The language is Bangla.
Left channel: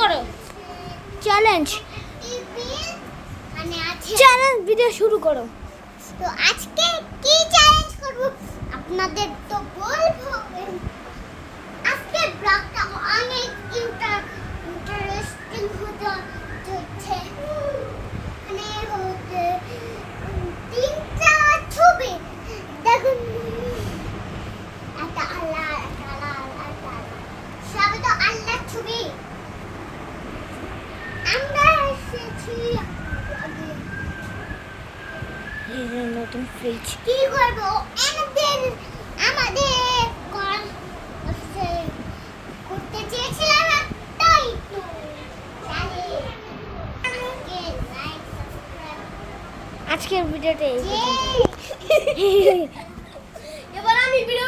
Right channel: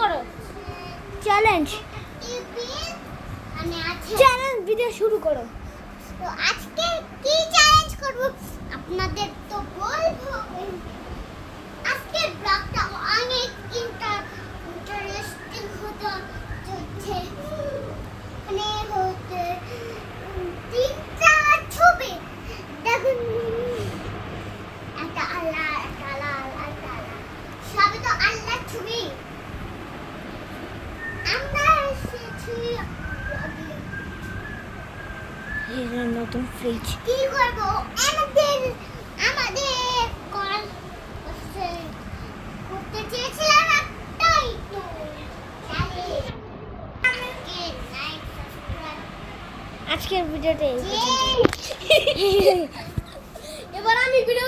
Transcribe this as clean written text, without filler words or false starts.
করো চ্যালেঞ্জ চ্যালেঞ্জ ভিডিও শুরু করো। তো আজকে কি চ্যালেঞ্জ করব আপনাদের তো বলবো। আজকে ব্লগটা অনেক ইন্টারেস্টিং হতে চলছে। মানে হতে তিনটা ছবি দেখুন, একটা আল্লাহ, একটা আল্লাহ, একটা সবই তো আল্লাহর ছবি। আমরা এসেছি এই যে নতুন ফ্রিজ। কি করব আমাদের কল হচ্ছে করতে চেয়েছিলাম না, তাই তো তাহলে আমাকে লাইক সাবস্ক্রাইব আজকের ভিডিওটা এই যে পর্যন্তই।